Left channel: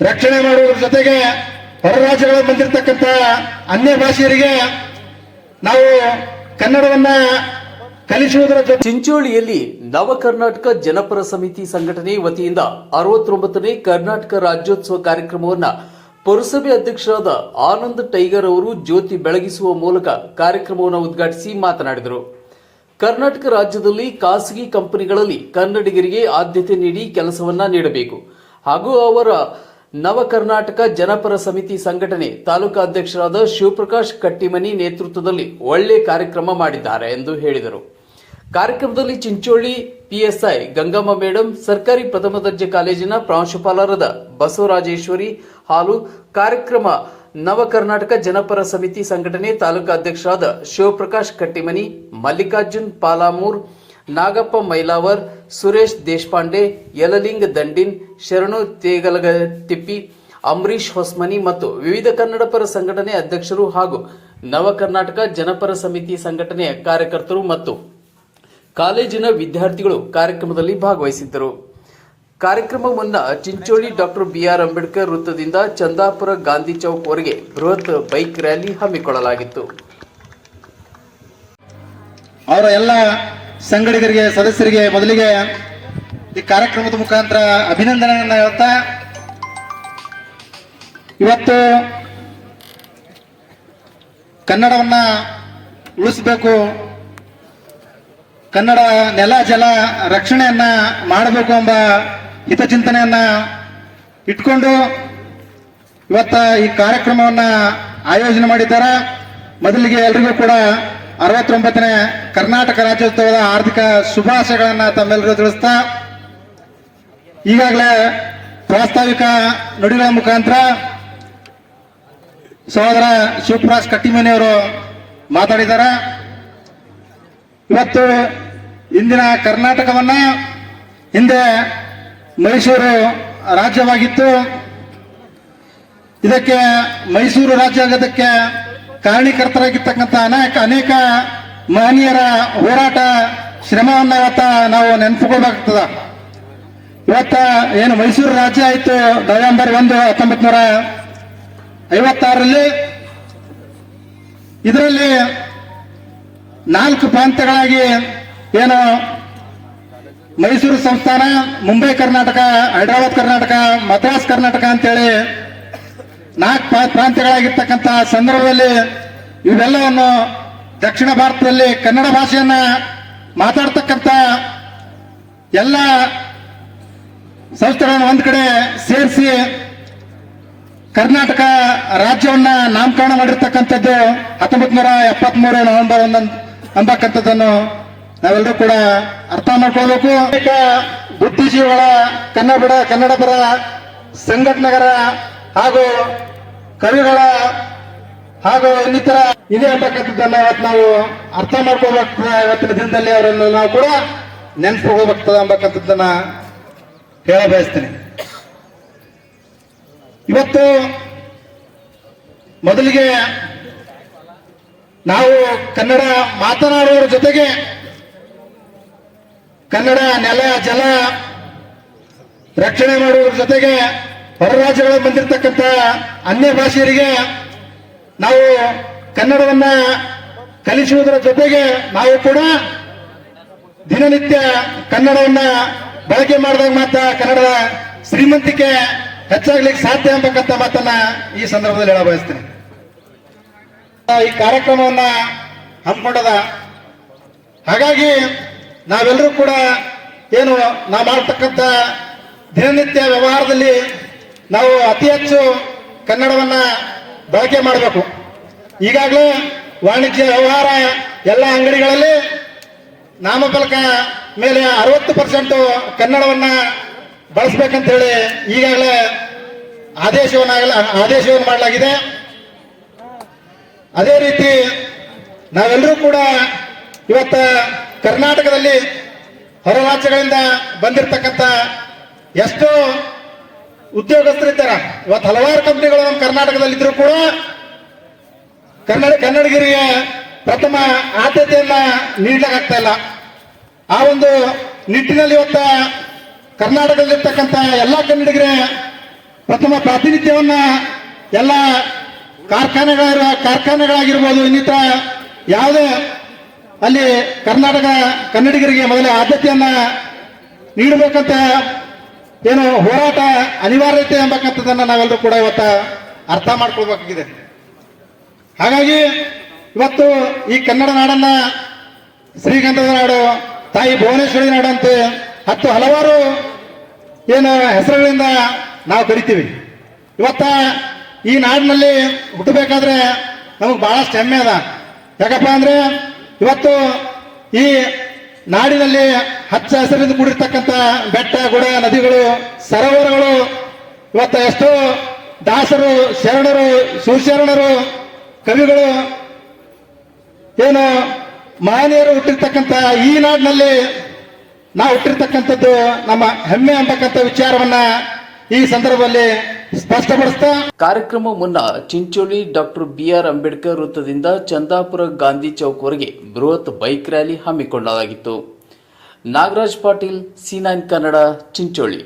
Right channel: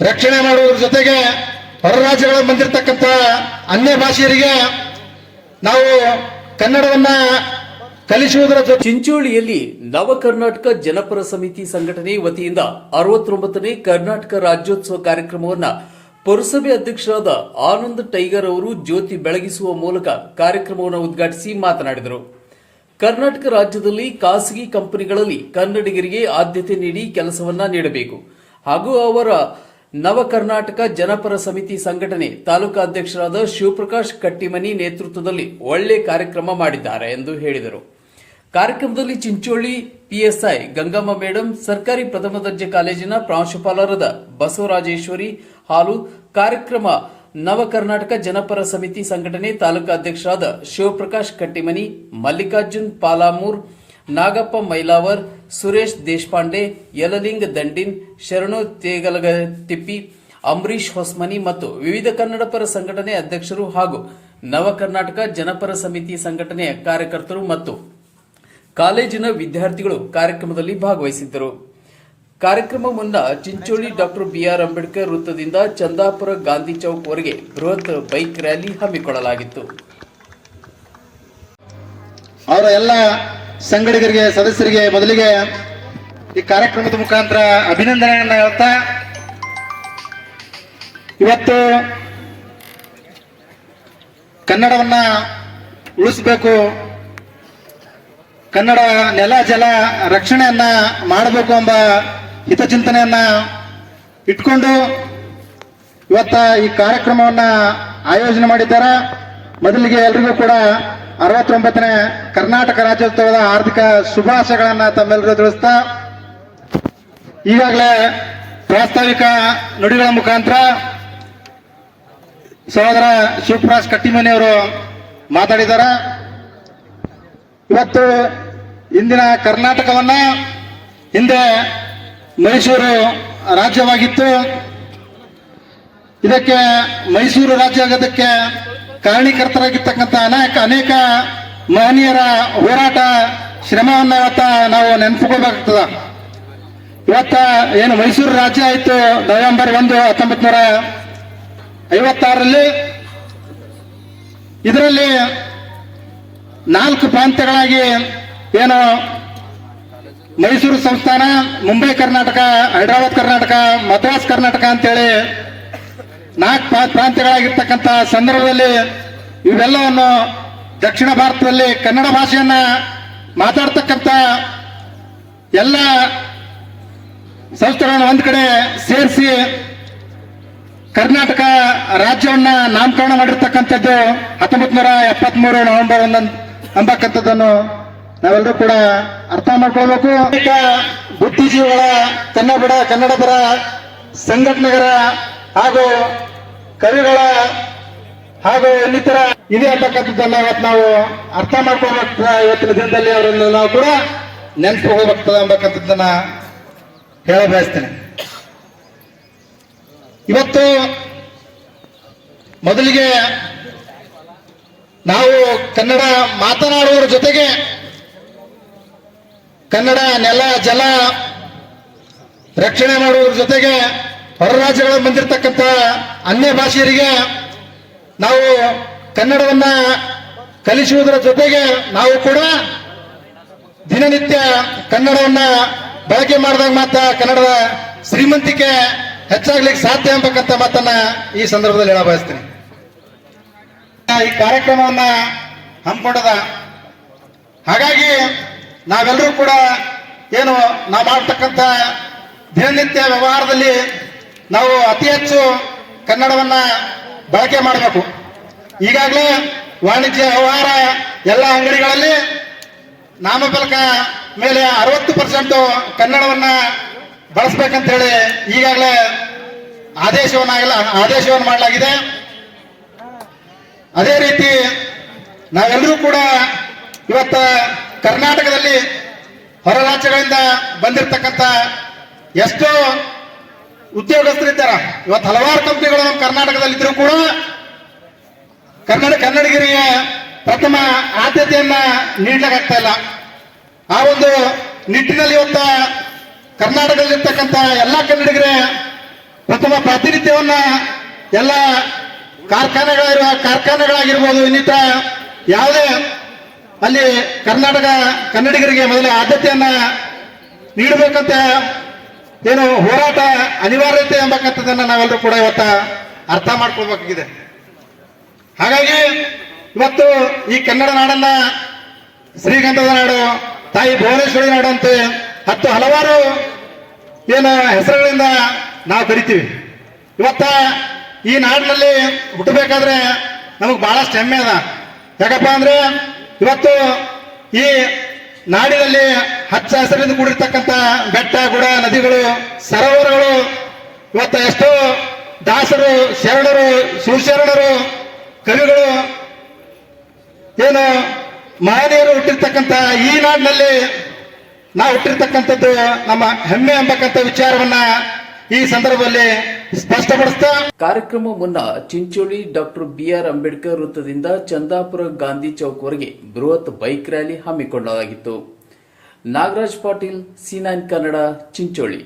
ರಕ್ಷಣೆ ಮಾಡುವುದರ ಜೊತೆಗೆ ಹೊರ ರಾಜ್ಯಗಳಲ್ಲಿ ಬಂದಿರತಕ್ಕಂತ ಅನ್ಯ ಭಾಷೆಯರಿಗೆ ನಾವು ಕನ್ನಡವನ್ನ ಕಲಿಸುವುದರ ಜೊತೆ ಚಿಂಚೋಳಿಯಲ್ಲಿ ನವ ಕರ್ನಾಟಕ ಜನಪರ ಸಮಿತಿ ಸಂಘಟನೆ ವತಿಯಿಂದ ಅರವತ್ತೊಂಬತ್ತನೇ ಕರ್ನಾಟಕ ರಾಜ್ಯೋತ್ಸವ ಕಾರ್ಯಕ್ರಮವನ್ನ ಪುರಸಭೆ ಅಧ್ಯಕ್ಷರಾದ ಆನಂದ್ ಟೈಗರ್ ಅವರು ಜ್ಯೋತಿ ಬೆಳಗಿಸುವ ಮೂಲಕ ಕಾರ್ಯಕ್ರಮವನ್ನು ಉದ್ಘಾಟಿಸಿ ಮಾತನಾಡಿದರು. ಕರ್ನಾಟಕ ರಾಜ್ಯದಲ್ಲಿ ಖಾಸಗಿ ಕಂಪನಿಗಳಲ್ಲಿ ಕನ್ನಡಿಗರಿಗೆ ಆದ್ಯತೆ ನೀಡಿ ಕೆಲಸವನ್ನ ನೀಡಬೇಕು. ಹಾಗೂ ಅವರ ನವ ಕರ್ನಾಟಕ ಜನಪರ ಸಮಿತಿ ಸಂಘಟನೆ ತಾಲೂಕಾ ಅಧ್ಯಕ್ಷರಾದ ಶಿವಪ್ರಕಾಶ್ ಕಟ್ಟಿಮನಿ ನೇತೃತ್ವದಲ್ಲಿ ಒಳ್ಳೆ ಕಾರ್ಯಕ್ರಮ ಮಾಡಿದ್ದಾರೆ ಎಂದು ಹೇಳಿದರು. ಕಾರ್ಯಕ್ರಮದಲ್ಲಿ ಚಿಂಚೋಳಿ, ಪಿಎಸ್ಐ, ಗಂಗಮ್ಮ ಮೇಡಂ, ಸರ್ಕಾರಿ ಪ್ರಥಮ ದರ್ಜೆ ಕಾಲೇಜಿನ ಪ್ರಾಂಶುಪಾಲರಾದ ಬಸವರಾಜೇಶ್ವರಿ ಹಾಲು ಕಾರ್ಯಕ್ರಮ ನವ ಕರ್ನಾಟಕ ಜನಪರ ಸಮಿತಿ ಸಂಘಟನೆ ತಾಲೂಕಾ ಅಧ್ಯಕ್ಷರಾದ ಶಿವಪ್ರಕಾಶ್ ಕಟ್ಟಿಮನಿ, ಮಲ್ಲಿಕಾರ್ಜುನ್ ಪಾಲಾಮೂರ್, ನಾಗಪ್ಪ ಮೈಲಾವರ್, ಸುರೇಶ್ ದೇಶಪಾಂಡೆ, ಯಲಲಿಂಗ್ ದಂಡಿನ್, ಶರಣು ತೇಗಲಗತಿಪ್ಪಿ ಅಂಬರೀಶ್ ಹೊಸ್ಮನಿ ಮತ್ತು ವಿವಿಧ ಕನ್ನಡಪರ ಸಂಘಟನೆ ಅಧ್ಯಕ್ಷರು ಹಾಗೂ ನವ ಕರ್ನಾಟಕ ಜನಪರ ಸಮಿತಿ ಸಂಘಟನೆಯ ಕಾರ್ಯಕರ್ತರು ಮತ್ತು ಕಾಲೇಜಿನ ವಿದ್ಯಾರ್ಥಿಗಳು ಕಾರ್ಯಕ್ರಮದಲ್ಲಿ ಭಾಗವಹಿಸಿದ್ದರು. ಕಾರ್ಯಕ್ರಮ ಮುನ್ನ ಚಿಂಚೋಳಿ ಡಾಕ್ಟರ್ ಬಿಆರ್ ಅಂಬೇಡ್ಕರ್ ವೃತ್ತದಿಂದ ಚಂದಾಪುರ ಗಾಂಧಿ ಚೌಕ್ ವರೆಗೆ ಬೃಹತ್ ಬೈಕ್ ರ್ಯಾಲಿ ಹಮ್ಮಿಕೊಳ್ಳಲಾಗಿತ್ತು. ಅವರ ಎಲ್ಲ ಸಂಘಟಕರಿಗೆ ಸದಸ್ಯರಿಗೆ ಮೊದಲಿಗೆ ಈ ಕಾರ್ಯಕ್ರಮದ ಮುಖಾಂತರ ಅಭಿನಂದನೆಯನ್ನ ಹೇಳ್ತಾ, ಇವತ್ತು ಕನ್ನಡವನ್ನ ಉಳಿಸ್ಬೇಕು, ಕನ್ನಡ ನೆಲ ಜಲ ರಕ್ಷಣೆಯನ್ನ ಮಾಡಬೇಕು ಎಂಬ ಹಿತಚಿಂತನೆಯನ್ನ ಇಟ್ಕೊಂಡು ಇವತ್ತ ಈ ಕಾರ್ಯಕ್ರಮವನ್ನ ಆಯೋಜನೆ ಮಾಡಿದ್ದಾರೆ. ಮೊದಲಿಗೆ ಎಲ್ರಿಗೂ ಕೂಡ ಅರವತ್ತೊಂಬತ್ತನೇ ಕರ್ನಾಟಕ ರಾಜ್ಯೋತ್ಸವದ ಆರ್ಥಿಕ ಶುಭಾಶಯಗಳನ್ನ ತಮ್ಮೆಲ್ಲರೂ ತಿಳಿಸ್ತಾ, ಈಗಾಗಲೇ ಪ್ರಾಸ್ತಾವಿಕ ನುಡಿಗಳ ಮುಖಾಂತರ ಸಹೋದರ ಶಿವಪ್ರಾಸ್ ಕಟ್ಟಿಮನೆ ಅವರು ಮಾತಾಡಿದ್ದಾರೆ ಇವತ್ತು ಇಂದಿನ ಕರ್ನಾಟಕವನ್ನ ಹಿಂದೆ ಮೈಸೂರು ರಾಜ್ಯವಾಗಿತ್ತು. ಇದಕ್ಕೆ ಮೈಸೂರು ರಾಜ್ಯ ಆಗೋದಕ್ಕೆ ಕಾರಣೀಕರ್ತರಾಗಿರ್ತಕ್ಕಂಥ ಅನೇಕ ಅನೇಕ ಮಹನೀಯರ ಹೋರಾಟ, ಶ್ರಮವನ್ನ ಇವತ್ತ ನಾವು ನೆನಪುಕೊಳ್ಬೇಕಾಗ್ತದ. ಇವತ್ತ ಏನು ಮೈಸೂರು ರಾಜ್ಯ ಆಯಿತು, ನವೆಂಬರ್ ಒಂದು, ಹತ್ತೊಂಬತ್ ನೂರ ಐವತ್ತಾರರಲ್ಲಿ. ಇದರಲ್ಲಿ ನಾಲ್ಕು ಪ್ರಾಂತ್ಯಗಳಾಗಿ ಏನು ಮೈಸೂರು ಸಂಸ್ಥಾನ, ಮುಂಬೈ ಕರ್ನಾಟಕ, ಹೈದರಾಬಾದ್ ಕರ್ನಾಟಕ, ಮದ್ರಾಸ್ ಕರ್ನಾಟಕ ಅಂತೇಳಿ ನಾಲ್ಕು ಪ್ರಾ- ಪ್ರಾಂತ್ಯಗಳಾಗಿರ್ತಕ್ಕಂಥ ಸಂದರ್ಭದಲ್ಲಿ ಇವೆಲ್ಲವನ್ನು ದಕ್ಷಿಣ ಭಾರತದಲ್ಲಿ ಕನ್ನಡ ಭಾಷೆಯನ್ನ ಮಾತಾಡ್ತಕ್ಕಂಥ ಎಲ್ಲ ಸಂಸ್ಥೆಗಳನ್ನು ಒಂದ್ ಕಡೆ ಸೇರಿಸಿ ಕರ್ನಾಟಕ ರಾಜ್ಯವನ್ನ ನಾಮಕರಣ ಮಾಡಿರ್ತಕ್ಕಂಥದ್ದು ಹತ್ತೊಂಬತ್ತು ನೂರ ಎಪ್ಪತ್ಮೂರು ನವೆಂಬರ್ ಒಂದೊಂದು ಎಂಬಕ್ಕಂಥದ್ದನ್ನು ನಾವೆಲ್ಲರೂ ಕೂಡ ಅರ್ಥ ಮಾಡ್ಕೊಳ್ಬೇಕು. ಬುದ್ಧಿಜೀವಿಗಳ ಕನ್ನಡ ಕನ್ನಡಪರ ಸಂಘಟನೆಗರ ಹಾಗೂ ಕವಿಗಳ ಹಾಗೂ ಇನ್ನಿತರ ಇದೆ ಅಂತಕ್ಕಂಥದ್ದನ್ನ ಇವತ್ತು ನಾವು ಅರ್ಥ ಮಾಡ್ಕೋಬೇಕು ಇವತ್ತಿನ ದಿನದಲ್ಲಿ ಅವರನ್ನು ನಾವು ಕೂಡ ನೆನಪು ಹೋಗ್ಬೇಕಾಗ್ತದೆ ಅಂಬಕ್ಕಂಥದ್ದನ್ನ ಹೇಳ ಬಯಸ್ತೇನೆ. ಇವತ್ತು ಮೊದಲಿಗೆ ನಾವು ಕನ್ನಡ ಮಾತನಾಡುವವರ ಜೊತೆಗೆ ಕನ್ನಡ ನೆಲ ಜಲ ರಕ್ಷಣೆ ಮಾಡುವುದರ ಜೊತೆಗೆ ಹೊರ ರಾಜ್ಯಗಳಲ್ಲಿ ಬಂದಿರತಕ್ಕಂಥ ಅನ್ಯ ಭಾಷೆಯರಿಗೆ ನಾವು ಕನ್ನಡವನ್ನ ಕಲಿಸುವುದರ ಜೊತೆಗೆ ನಾವು ಕೂಡ ದಿನನಿತ್ಯ ಕನ್ನಡವನ್ನ ಬಳಕೆ ಮಾಡಿದಾಗ ಮಾತ್ರ ಕನ್ನಡದ ಶ್ರೀಮಂತಿಕೆ ಹೆಚ್ಚಾಗ್ಲಿಕ್ಕೆ ಸಾಧ್ಯ ಎಂಬಕ್ಕಂಥ ಮಾತನ್ನ ಈ ಸಂದರ್ಭದಲ್ಲಿ ಹೇಳ ಬಯಸ್ತೀನಿ ಈ ಕಾರ್ಯಕ್ರಮವನ್ನ ಹಮ್ಮಿಕೊಂಡದ ಹಾಗಾಗಿ ನಾವೆಲ್ಲರೂ ಕೂಡ ಏನು ನಾವು ಮಾಡ್ತಕ್ಕಂಥ ದಿನನಿತ್ಯ ವ್ಯವಹಾರದಲ್ಲಿ ನಾವು ಅತಿ ಹೆಚ್ಚು ಕನ್ನಡವನ್ನ ಬಳಕೆ ಮಾಡಬೇಕು. ಈಗಾಗಲೇ ವಾಣಿಜ್ಯ ವ್ಯವಹಾರ ಎಲ್ಲ ಅಂಗಡಿಗಳಲ್ಲಿ ನಾಮಫಲಕ ಮೇಲೆ ಅರವತ್ತು ಪರ್ಸೆಂಟ್ ಕನ್ನಡವನ್ನ ಬಳಸ್ಬೇಕಂತ ಹೇಳಿ ಈಗಾಗಲೇ ಆದೇಶವನ್ನಾಗಲ ಆದೇಶವನ್ನು ಮಾಡಲಾಗಿದೆ. ಅದೇ ರೀತಿ ನಾವೆಲ್ಲರೂ ಕೂಡ ಇವತ್ತ ಕರ್ನಾಟಕದಲ್ಲಿ ಹೊರ ರಾಜ್ಯಗಳಿಂದ ಬಂದಿರತಕ್ಕಂಥ ಎಷ್ಟೋ ಉದ್ಯೋಗಸ್ಥರಿದ್ದಾರ ಇವತ್ತು ಹಲವಾರು ಕಂಪ್ನಿಗಳು ನಮ್ಮ ಕರ್ನಾಟಕದಲ್ಲಿ ಇದ್ರೂ ಕೂಡ ಕನ್ನಡ ಕನ್ನಡಿಗರಿಗೆ ಪ್ರಥಮ ಆದ್ಯತೆಯನ್ನ ನೀಡಲಾಗ್ತಾ ಇಲ್ಲ. ಆ ಒಂದು ನಿಟ್ಟಿನಲ್ಲಿ ಇವತ್ತ ಕರ್ನಾಟಕದಲ್ಲಿರ್ತಕ್ಕಂಥ ಎಲ್ಲ ಕನ್ನಡಿಗರೇ ಪ್ರಥಮ ಪ್ರಾತಿನಿಧ್ಯವನ್ನ ಎಲ್ಲ ಕಾರ್ಖಾನೆಗಳ ಕಾರ್ಖಾನೆಗಳಾಗಿರ್ಬೋದು ಇನ್ನಿತರ ಯಾವುದೇ ಅಲ್ಲಿ ಕರ್ನಾಟಕ ಕನ್ನಡಿಗರಿಗೆ ಮೊದಲ ಆದ್ಯತೆಯನ್ನ ನೀಡಬೇಕಂತ ಏನು ಹೋರಾಟ ಅನಿವಾರ್ಯತೆ ಎಂಬಕ್ಕಂಥದ್ದನ್ನು ನಾವೆಲ್ಲರೂ ಕೂಡ ಇವತ್ತ ಅರ್ಥ ಮಾಡ್ಕೊಳ್ಬೇಕಾಗಿದೆ. ಹಾಗಾಗಿ ಇವತ್ತು ಈ ಕನ್ನಡ ನಾಡನ್ನ ಶ್ರೀಗಂಧದ ನಾಡು, ತಾಯಿ ಭುವನೇಶ್ವರಿ ನಾಡು ಅಂತ ಹತ್ತು ಹಲವಾರು ಏನು ಹೆಸರುಗಳಿಂದ ನಾವು ಕರಿತೀವಿ. ಇವತ್ತ ಈ ನಾಡಿನಲ್ಲಿ ಹುಟ್ಟಬೇಕಾದ್ರೆ ನಮಗೆ ಬಹಳಷ್ಟು ಹೆಮ್ಮೆ ಅದ. ಯಾಕಪ್ಪ ಅಂದ್ರೆ ಇವತ್ತು ಈ ನಾಡಿನಲ್ಲಿ ಹಚ್ಚ ಹಸಿರಿಂದ ಕೂಡಿರ್ತಕ್ಕಂಥ ಬೆಟ್ಟ, ಗುಡ, ನದಿಗಳು, ಸರೋವರಗಳು, ಇವತ್ತು ಎಷ್ಟೋ ದಾಸರು, ಶರಣರು, ಶಿವಶರಣರು, ಕವಿಗಳು, ಏನು ಮಹನೀಯರು ಹುಟ್ಟಿರ್ತಕ್ಕಂಥ ಈ ನಾಡಿನಲ್ಲಿ ನಾವು ಹುಟ್ಟಿರ್ತಕ್ಕಂಥದ್ದು ನಮ್ಮ ಹೆಮ್ಮೆ ಅಂಬಕ್ಕಂಥ ವಿಚಾರವನ್ನ ಈ ಸಂದರ್ಭದಲ್ಲಿ ಸ್ಪಷ್ಟಪಡಿಸ್ತಾ ಕಾರ್ಯಕ್ರಮ ಮುನ್ನ ಚಿಂಚೋಳಿ ಡಾಕ್ಟರ್ ಬಿಆರ್ ಅಂಬೇಡ್ಕರ್ ವೃತ್ತದಿಂದ ಚಂದಾಪುರ ಗಾಂಧಿ ಚೌಕ್ವರೆಗೆ ಬೃಹತ್ ಬೈಕ್ ರ್ಯಾಲಿ ಹಮ್ಮಿಕೊಳ್ಳಲಾಗಿತ್ತು. Nagaraj Patil, C nine Kannada, Chincholi.